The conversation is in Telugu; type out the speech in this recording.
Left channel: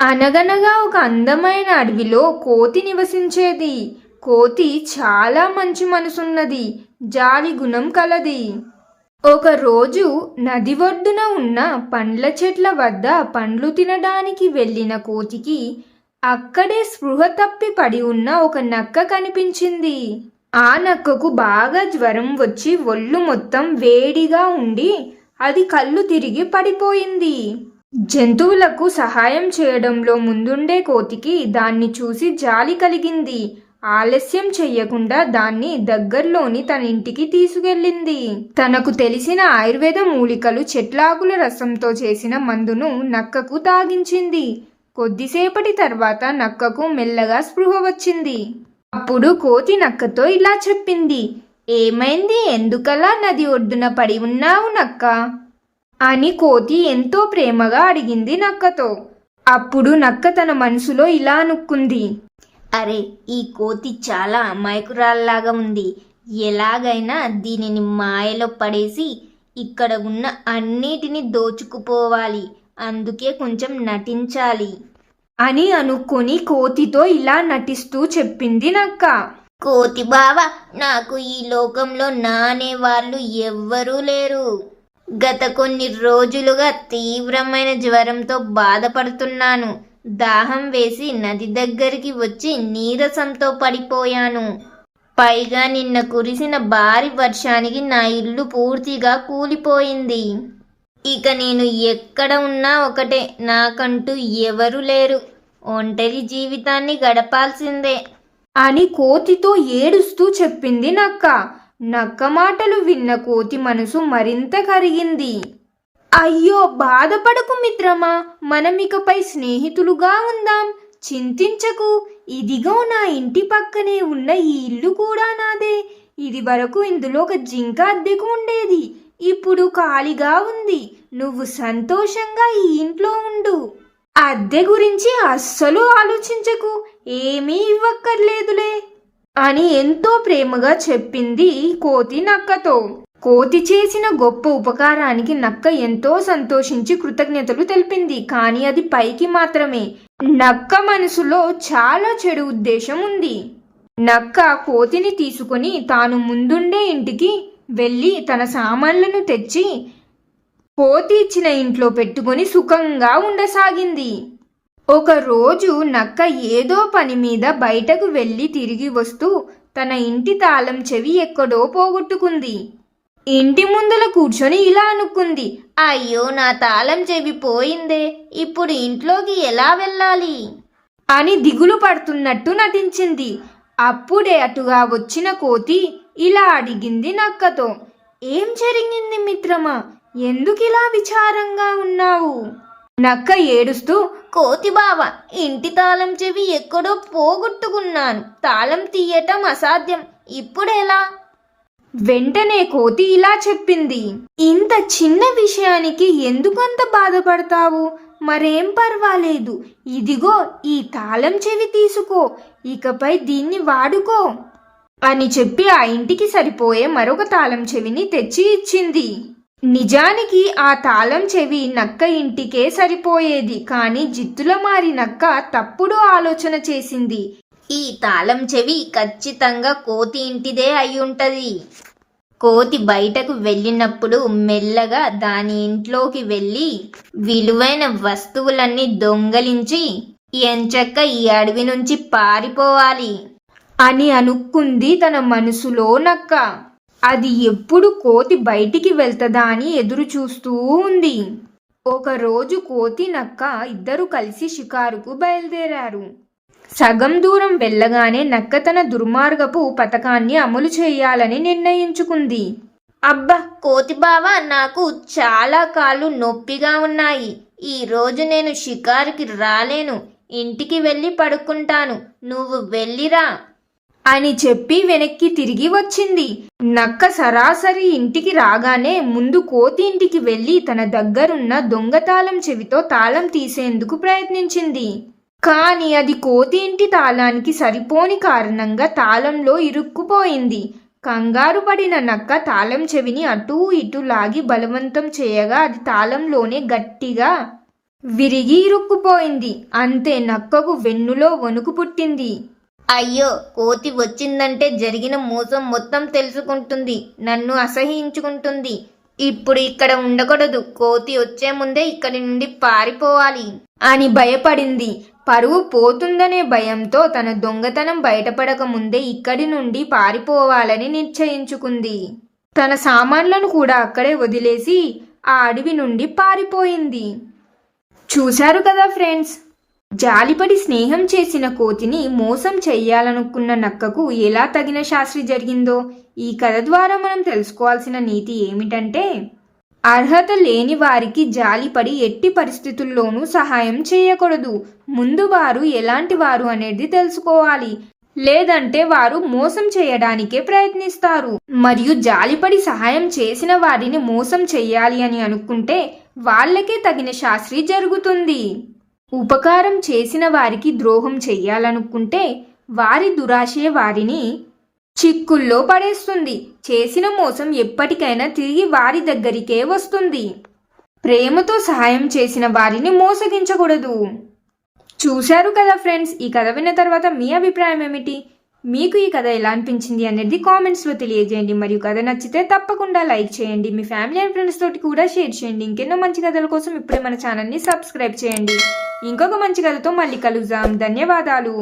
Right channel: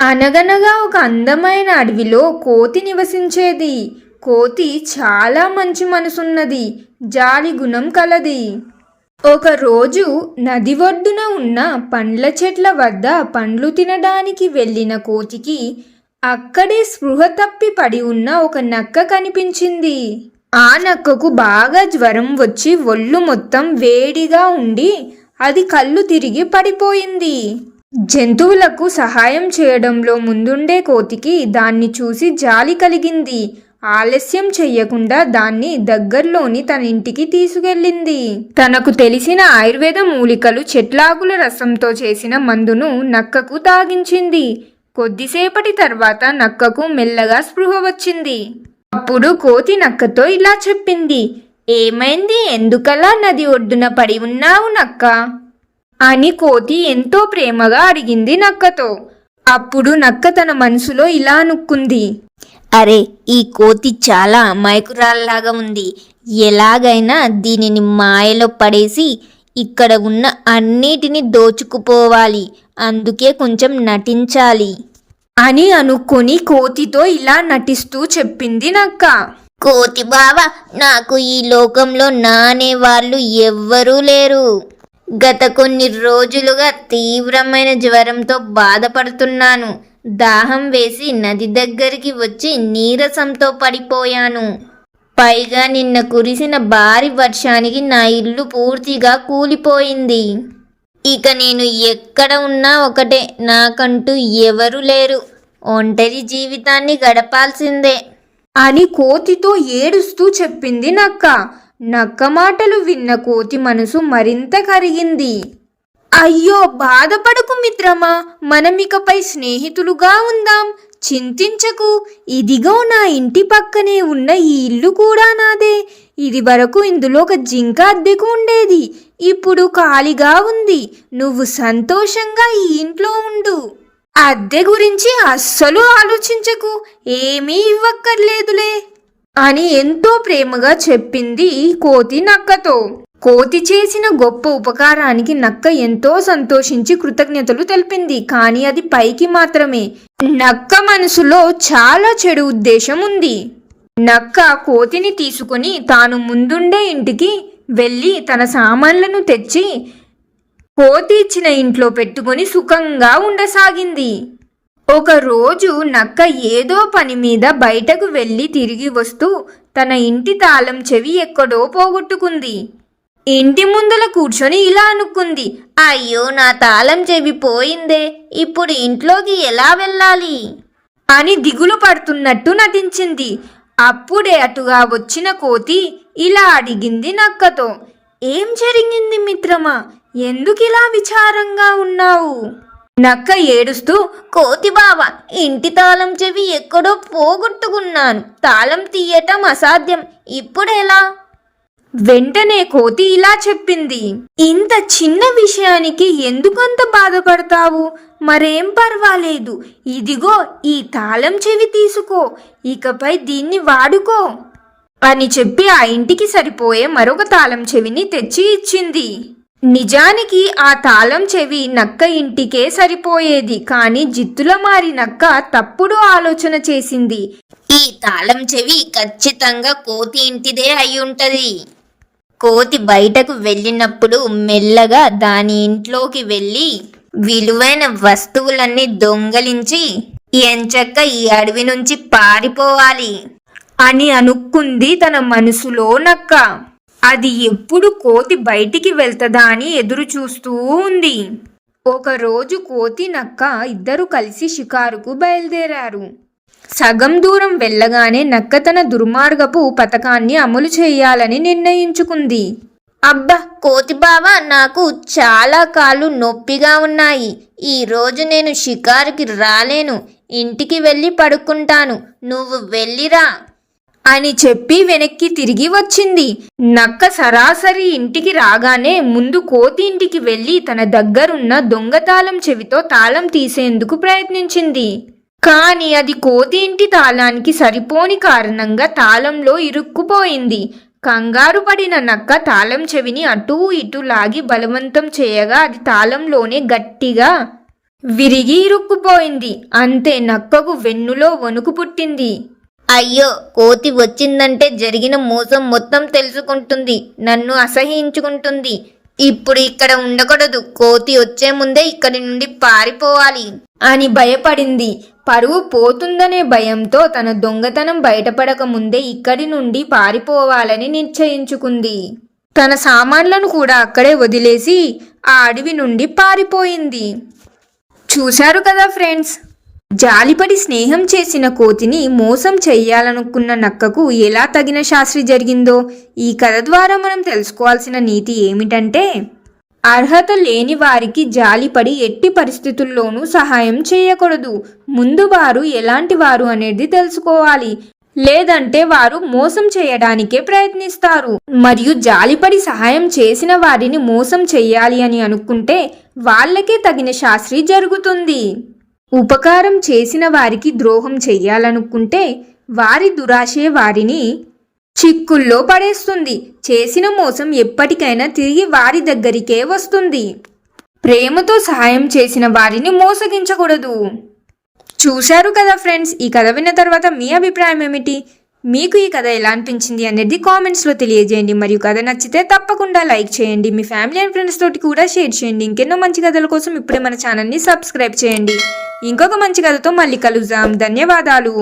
అనగనగా ఒక అందమైన అడవిలో కోతి నివసించేది. కోతి చాలా మంచి మనసున్నది. జాలి గుణం కలది. ఒకరోజు నది ఒడ్డున ఉన్న పండ్ల చెట్ల వద్ద పండ్లు తినడానికి వెళ్ళిన కోతికి అక్కడే స్పృహ తప్పి పడి ఉన్న ఒక నక్క కనిపించింది. ఆ నక్కకు బాగా జ్వరం వచ్చి ఒళ్ళు మొత్తం వేడిగా ఉండి అది కళ్ళు తిరిగి పడిపోయింది. జంతువులకు సహాయం చేయడంలో ముందుండే కోతికి దాన్ని చూసి జాలి కలిగింది. ఆలస్యం చెయ్యకుండా దాన్ని దగ్గర్లోని తన ఇంటికి తీసుకెళ్ళింది. తనకు తెలిసిన ఆయుర్వేద మూలికలు చెట్లాకుల రసంతో చేసిన మందును నక్కకు తాగించింది. కొద్దిసేపటి తర్వాత నక్కకు మెల్లగా స్పృహ వచ్చింది. అప్పుడు కోతి నక్కతో ఇలా చెప్పింది ఏమైంది? ఎందుకలా నది ఒడ్డున పడి ఉన్నావు నక్క? అని కోతి ఎంతో ప్రేమగా అడిగింది నక్కతో. అప్పుడు నక్క తన మనసులో ఇలా అనుక్కుంది అరే ఈ కోతి చాలా అమాయకురాల్లాగా ఉంది. ఎలాగైనా దీనిని మాయలో పడేసి ఇక్కడ ఉన్న అన్నిటిని దోచుకుపోవాలి. అందుకే కొంచెం నటించాలి. అని అనుకుని కోతితో ఇలా నటిస్తూ చెప్పింది నక్క. కోతి బావ నాకు ఈ లోకంలో నానే వాళ్ళు ఎవ్వరూ లేరు. గత కొన్ని రోజులుగా తీవ్రమైన జ్వరంతో బాధపడుతున్నాను. దాహం వేసి నది దగ్గరికి వచ్చి నీరసంతో పడిపోయాను. పైగా నిన్న కురిసిన భారీ వర్షానికి నా ఇల్లు పూర్తిగా కూలిపోయింది. ఇక నేను ఎక్కడ ఉన్నా ఒకటే నాకంటూ ఎవరు లేరు. ఒంటరి జీవితాన్ని గడపాల్సిందే. అని కోతితో ఏడుస్తూ చెప్పింది నక్క. నక్క మాటలు విన్న కోతి మనసు మరింత కరిగింది. అయ్యో బాధపడకు మిత్రమా మనం ఇకపై స్నేహితులుగా ఉందాం. చింతించకు ఇదిగో నా ఇంటి పక్కనే ఉన్న ఈ ఇల్లు కూడా నాదే. ఇది వరకు ఇందులో ఒక జింక అద్దెకు ఉండేది. ఇప్పుడు ఖాళీగా ఉంది. నువ్వు సంతోషంగా ఈ ఇంట్లో ఉండు. అద్దె గురించి అస్సలు ఆలోచించకు. ఏమీ ఇవ్వక్కర్లేదులే. అని ఎంతో ప్రేమగా చెప్పింది కోతి నక్కతో. కోతి చేసిన గొప్ప ఉపకారానికి నక్క ఎంతో సంతోషించి కృతజ్ఞతలు తెలిపింది. కానీ అది పైకి మాత్రమే. నక్క మనసులో చాలా చెడు ఉద్దేశం ఉంది. నక్క కోతిని తీసుకుని తాను ముందుండే ఇంటికి వెళ్ళి తన సామాన్లను తెచ్చి కోతి ఇచ్చిన ఇంట్లో పెట్టుకుని సుఖంగా ఉండసాగింది. ఒకరోజు నక్క ఏదో పని మీద బయటకు వెళ్ళి తిరిగి వస్తూ తన ఇంటి తాళం చెవి ఎక్కడో పోగొట్టుకుంది. ఇంటి ముందల కూర్చొని ఇలా అనుకుంది అయ్యో నా తాళం చెవి పోయిందే ఇప్పుడు ఇంట్లోకి ఎలా వెళ్ళాలి? అని దిగులు పడుతున్నట్టు నటించింది. అప్పుడే అటుగా వచ్చిన కోతి ఇలా అడిగింది నక్కతో ఏం జరిగింది మిత్రమా? ఎందుకు ఇలా విచారంగా ఉన్నావు? నక్క ఏడుస్తూ కోతి బావ ఇంటి తాళం చెవి ఎక్కడో పోగొట్టుకున్నాను. తాళం తీయటం అసాధ్యం. ఇప్పుడెలా వెంటనే కోతి ఇలా చెప్పింది. ఇంత చిన్న విషయానికి ఎందుకంత బాధపడతావు? మరేం పర్వాలేదు. ఇదిగో ఈ తాళం చెవి తీసుకో. ఇకపై దీన్ని వాడుకో అని చెప్పి ఆ ఇంటికి సరిపోయే మరొక తాళం చెవిని తెచ్చి ఇచ్చింది. నిజానికి ఆ తాళం చెవి నక్క ఇంటికే సరిపోయేది కానీ జిత్తుల మారి నక్క తప్పుడు ఆలోచన చేసింది. ఈ తాళం చెవి ఖచ్చితంగా కోతి ఇంటిదే అయి కోతి బయటకు వెళ్ళినప్పుడు మెల్లగా దాని ఇంట్లోకి వెళ్ళి విలువైన వస్తువులన్నీ దొంగలించి ఎంచక్క ఈ అడవి నుంచి పారిపోవాలి అని అనుకుంది తన మనసులో నక్క. అది ఎప్పుడు కోతి బయటికి వెళ్తదా అని ఎదురు చూస్తూ ఉంది. ఒకరోజు కోతి నక్క ఇద్దరు కలిసి షికారుకు బయలుదేరారు. సగం దూరం వెళ్ళగానే నక్క తన దుర్మార్గపు పథకాన్ని అమలు చేయాలని నిర్ణయించుకుంది. అబ్బా కోతి బావ నాకు చాలా కాళ్ళు నొప్పిగా ఉన్నాయి. ఈ రోజు నేను షికారుకి రాలేను. ఇంటికి వెళ్ళి పడుకుంటాను. నువ్వు వెళ్ళిరా. అని చెప్పి వెనక్కి తిరిగి వచ్చింది. నక్క సరాసరి ఇంటికి రాగానే ముందు కోతి ఇంటికి వెళ్ళి తన దగ్గరున్న దొంగ తాళం చెవితో తాళం తీసేందుకు ప్రయత్నించింది. కానీ అది కోతి ఇంటి తాళానికి సరిపోని కారణంగా తాళంలో ఇరుక్కుపోయింది. కంగారు పడిన నక్క తాళం చెవిని అటూ ఇటూ లాగి బలవంతం చేయగా అది తాళంలోనే గట్టిగా విరిగి ఇరుక్కుపోయింది. అంతే నక్కకు వెన్నులో వణుకు పుట్టింది. అయ్యో కోతి వచ్చిందంటే జరిగిన మోసం మొత్తం తెలుసుకుంటుంది నన్ను అసహించుకుంటుంది ఇప్పుడు ఇక్కడ ఉండకూడదు కోతి వచ్చే ముందే ఇక్కడి నుండి పారిపోవాలి అని భయపడింది. పరువు పోతుందనే భయంతో తన దొంగతనం బయటపడక ముందే ఇక్కడి నుండి పారిపోవాలని నిశ్చయించుకుంది. తన సామాన్లను కూడా అక్కడే వదిలేసి ఆ అడవి నుండి పారిపోయింది. చూశారు కదా ఫ్రెండ్స్ జాలిపడి స్నేహం చేసిన కోతిని మోసం చెయ్యాలనుకున్న నక్కకు ఎలా తగిన శాస్త్రి జరిగిందో ఈ కథ ద్వారా మనం తెలుసుకోవాల్సిన నీతి ఏమిటంటే అర్హత లేని వారికి జాలిపడి ఎట్టి పరిస్థితుల్లోనూ సహాయం చేయకూడదు. ముందు వారు ఎలాంటి వారు అనేది తెలుసుకోవాలి. లేదంటే వారు మోసం చేయడానికే ప్రయత్నిస్తారు. మరియు జాలిపడి సహాయం చేసిన వారిని మోసం చేయాలి అని అనుకుంటే వాళ్ళకే తగిన శాస్త్రి జరుగుతుంది. ఉపకారం చేసిన వారికి ద్రోహం చెయ్యాలనుకుంటే వారి దురాశే వారిని చిక్కుల్లో పడేస్తుంది. చేసిన మోసం ఎప్పటికైనా తిరిగి వారి దగ్గరికే వస్తుంది. ప్రేమతో సహాయం చేసిన వారిని మోసగించకూడదు. చూశారు కదా ఫ్రెండ్స్ ఈ కథ విన్న తర్వాత మీ అభిప్రాయం ఏమిటి? మీకు ఈ కథ ఎలా అనిపించింది అనేది కామెంట్స్లో తెలియజేయండి. మరియు కథ నచ్చితే తప్పకుండా లైక్ చేయండి. మీ ఫ్యామిలీ అండ్ ఫ్రెండ్స్ తోటి కూడా షేర్ చేయండి. ఇంకెన్నో మంచి కథల కోసం ఇప్పుడే మన ఛానల్ని సబ్స్క్రైబ్ చేయండి. ఇంకొక మంచి కథతో మళ్ళీ కలుద్దాం. ధన్యవాదాలు.